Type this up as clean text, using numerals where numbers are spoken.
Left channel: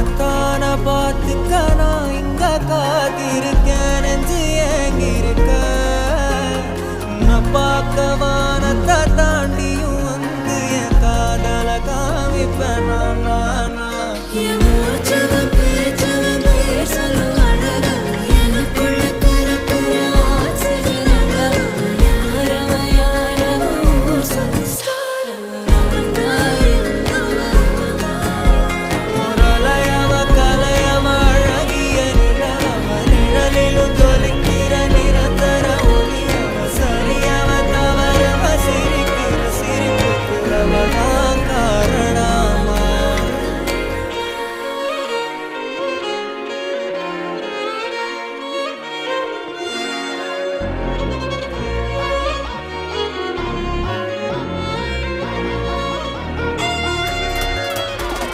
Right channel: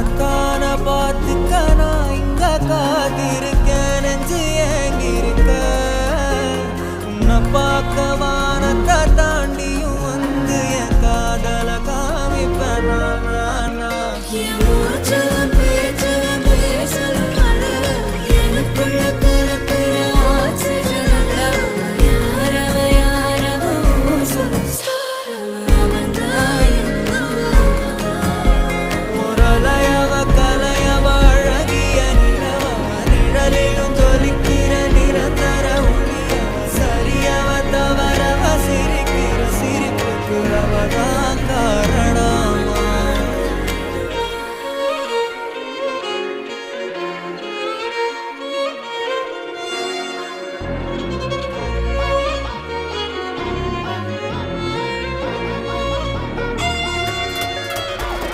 உனத்தான பார்த்துக்க நான் இங்க காத்திருக்கேன் நெஞ்சு ஏங்கிருக்க உன்னை பார்க்க வானத்தான்